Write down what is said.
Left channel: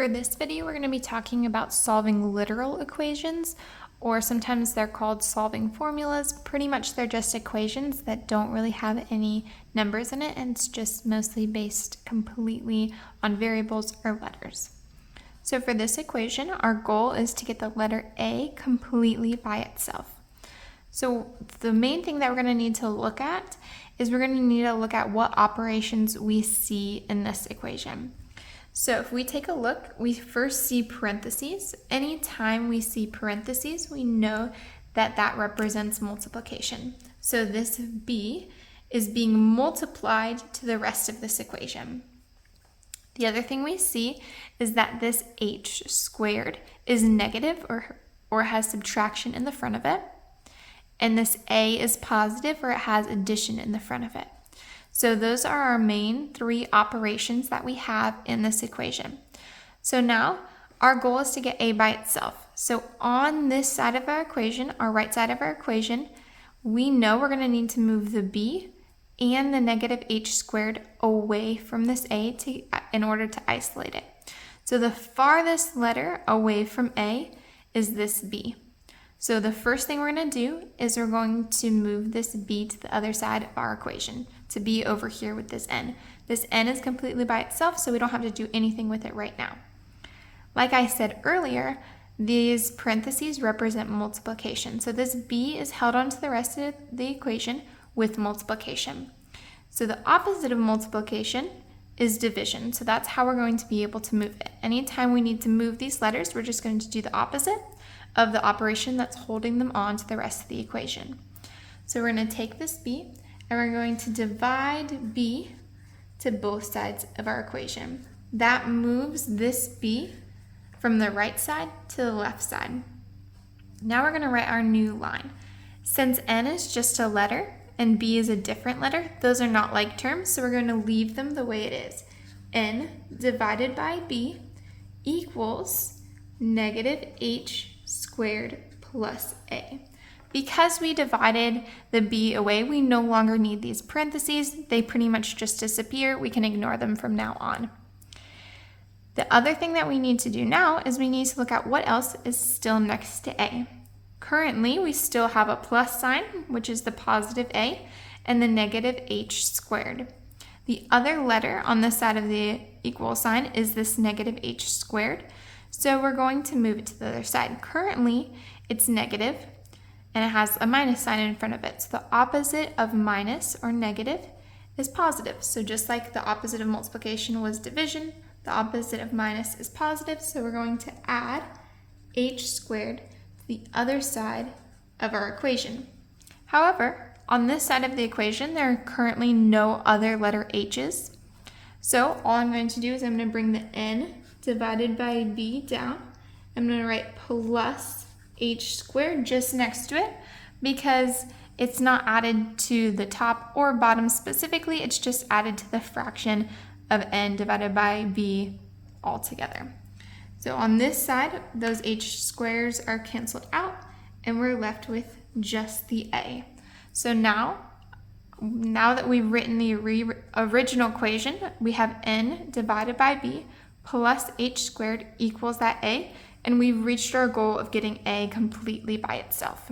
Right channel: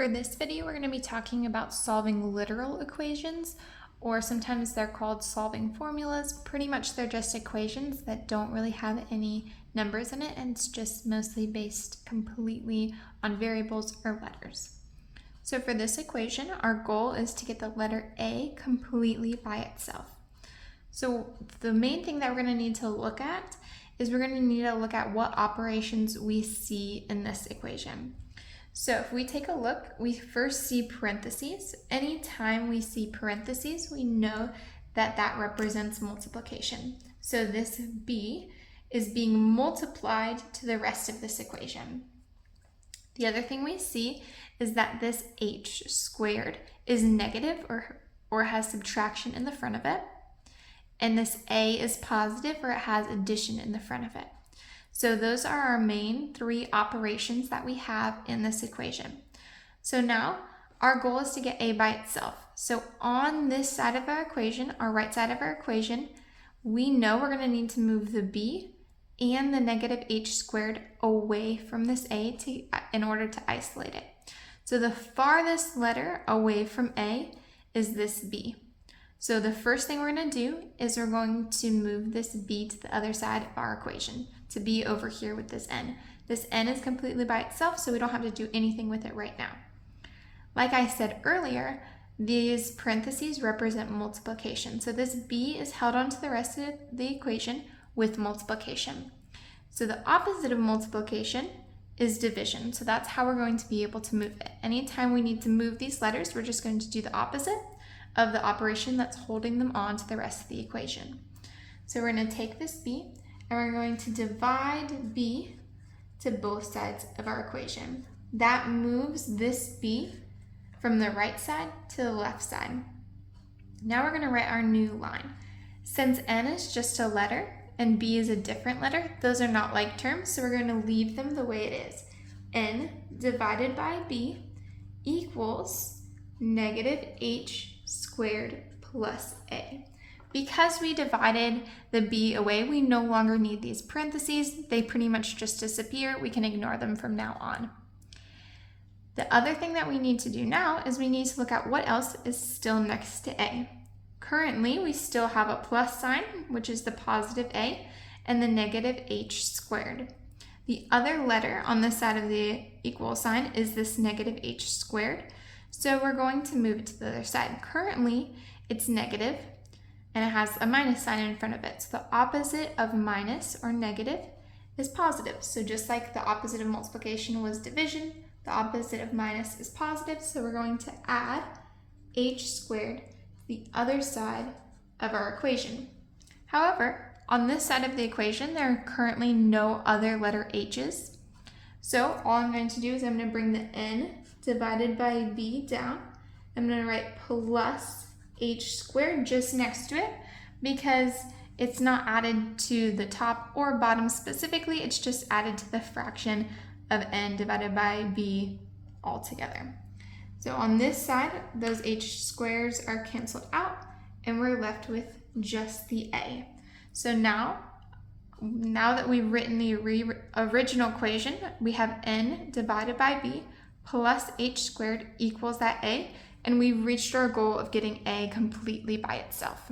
For this video, we're going to be talking about solving literal equations, or sometimes they're called solving formulas. Pretty much they're just equations that don't really have any numbers in it, and it's just mostly based completely on variables or letters. So for this equation, our goal is to get the letter A completely by itself. So the main thing that we're going to need to look at is we're going to need to look at what operations we see in this equation. So if we take a look, we first see parentheses. Anytime we see parentheses, we know that that represents multiplication. So this B is being multiplied to the rest of this equation. The other thing we see is that this H squared is negative or has subtraction in the front of it. And this A is positive or it has addition in the front of it. So those are our main three operations that we have in this equation. So now our goal is to get A by itself. So on this side of our equation, our right side of our equation, we know we're going to need to move the B and the negative H squared away from this A in order to isolate it. So the farthest letter away from A is this B. So the first thing we're going to do is we're going to move this B to the other side of our equation, to be over here with this N. This N is completely by itself, so we don't have to do anything with it right now. Like I said earlier, these parentheses represent multiplication. So this B is held onto the rest of the equation with multiplication. So the opposite of multiplication is division. So that's how we're going to be able to move it. Anytime we need to move these letters, we're just going to do the opposite of the operation that's holding them on to the rest of the equation. So we're going to take this B and we're going to divide B to both sides of our equation. That moves this B from the right side to the left side. Now we're going to write our new line. Since N is just a letter and B is a different letter, those are not like terms, so we're going to leave them the way it is. N divided by B equals negative H squared plus A. Because we divided the B away, we no longer need these parentheses. They pretty much just disappear. We can ignore them from now on. The other thing that we need to do now is we need to look at what else is still next to A. Currently, we still have a plus sign, which is the positive A, and the negative H squared. The other letter on this side of the equal sign is this negative H squared. So we're going to move it to the other side. Currently, it's negative, and it has a minus sign in front of it. So the opposite of minus or negative is positive. So just like the opposite of multiplication was division, the opposite of minus is positive. So we're going to add H squared to the other side of our equation. However, on this side of the equation, there are currently no other letter H's. So all I'm going to do is I'm going to bring the N divided by B down. I'm going to write plus H squared just next to it because it's not added to the top or bottom specifically, it's just added to the fraction of N divided by B altogether. So on this side, those H squares are canceled out and we're left with just the A. So now that we've written the original equation, we have N divided by B plus H squared equals that A, and we've reached our goal of getting A completely by itself.